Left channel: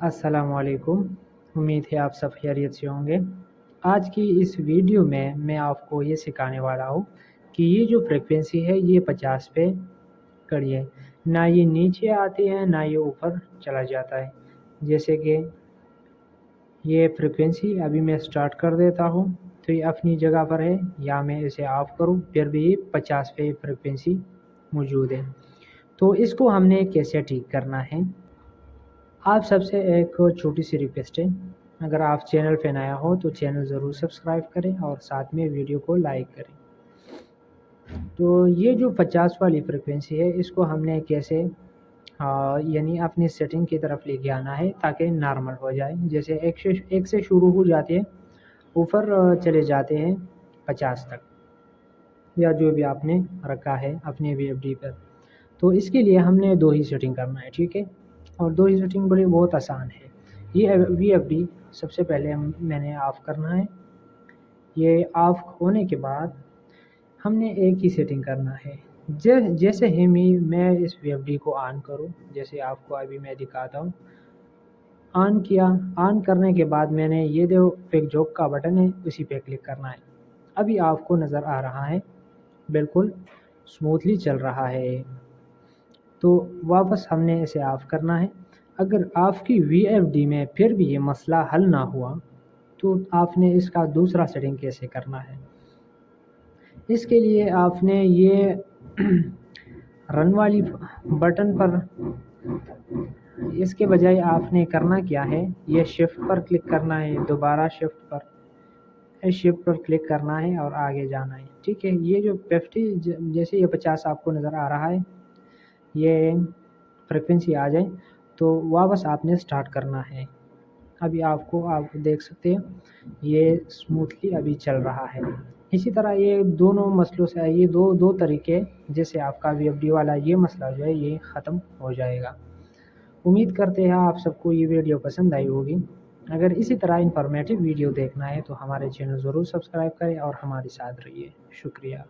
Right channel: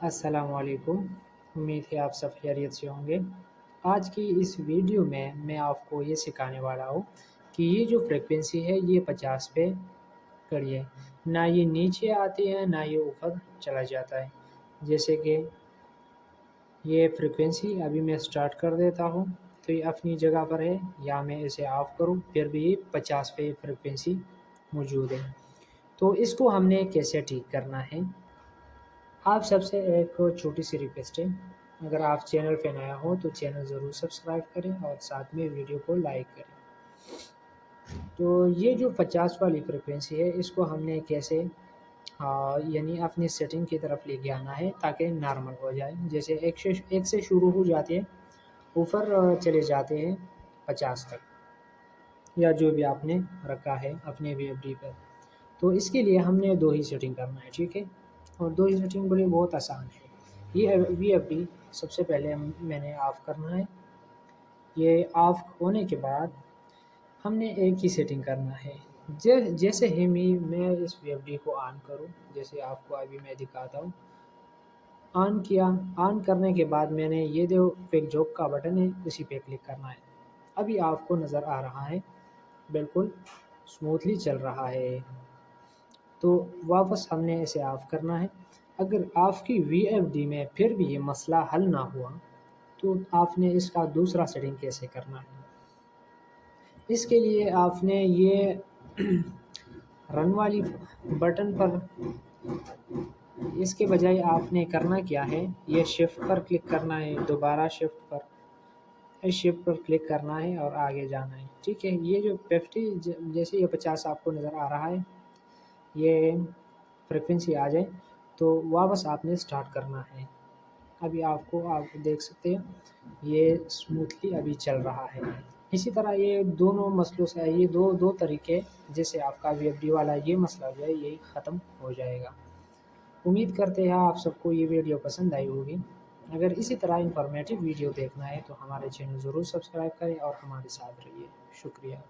अस्सलाम वालेकुम। उम्मीद है आप सब खैरियत से होंगे। आज की इस वीडियो में मैं आपको ये सिखाने वाला हूँ कि ये जो फ्रीक्वेंसी है ये 50 पे करिए। ना ये नीचे आती है ना ये ऊपर चला जाता है। जैसे कि ये फ्रीक्वेंसी अभी मैं स्टार्ट कर देता हूँ तो ये अपनी जगह पर है, या मैं इसे ऑफ़ करूँ फिर भी ये 50 पे फ्रीक्वेंसी मौजूद है। तो इसको हमने कैसे ठीक करना है, आप सबसे एक छोटी सी रिक्वेस्ट है, अगर आप चैनल पे नया हो तो चैनल ज़रूर सब्सक्राइब करें और साथ में वीडियो को लाइक करें। तो ये जो 50 वाली फ्रिक्वेंसी है इसको हमने कैसे यानी अपनी सेटिंग की तरफ लेके आना है ताकि नॉर्मल हो जाए। जैसे एक से शुरू हो जाते हैं, ऊपर चले जाते हैं 50 तक, या जो भी आपने रखा है अपने वीएफडी पर। तो इसके लिए हमने दो ही सेटिंग करना है, ठीक है। और दो ही सेटिंग बड़ी बहुत आसान है। ये वीएफडी सबसे पहले मैंने ऑफ़ करना है। ये ऑफ़ होने के बाद हमने एक ही सेटिंग करना है। जैसे ही मैं इस वीएफडी को ऑन करूँ, जैसे आपको अभी मैं दिखाता हूँ, ऑन किया। ऑन करने के बाद मैंने ये जो क्विक जॉब का बटन है उसी पे क्लिक करना है। अभी आपको नज़र आ रहा है बिल्कुल स्मूथली चल रहा है। तो वापस हमने इसे ऑफ़ करना है। अगर आपकी वीएफडी में फिर भी ये मसला हल ना हुआ तो आपने इसका दूसरा सेटिंग कैसे करना है। इसके लिए आपने ये रन वाली बटन पर, इसके बजाय आपने करना क्या है, ये शिफ्ट पर क्लिक करना है, दोबारा शिफ्ट पर क्लिक करना है और आगे जाना है, ठीक है। ये जो 50 जैसे ये 50 आपको नज़र आ रहा है, ये फ्रिक्वेंसी आ जाए तो वापस आपने स्टार्ट करना है। अभी आप देख सकते हैं ये स्मूथली अभी चल रहा है। इसी तरह ये दोनों मसलों से ये दो तरीके, जैसे आपका वीएफडी वाला ये मसला जो है ये ख़त्म हो जाएगा। उम्मीद करते हैं आप सबको ये वीडियो पसंद आई होगी। अगर इसी तरह इन्फॉर्मेटिव वीडियो देखना है तो हमारे चैनल ज़रूर सब्सक्राइब करें और हमारे साथ रहिए। शुक्रिया।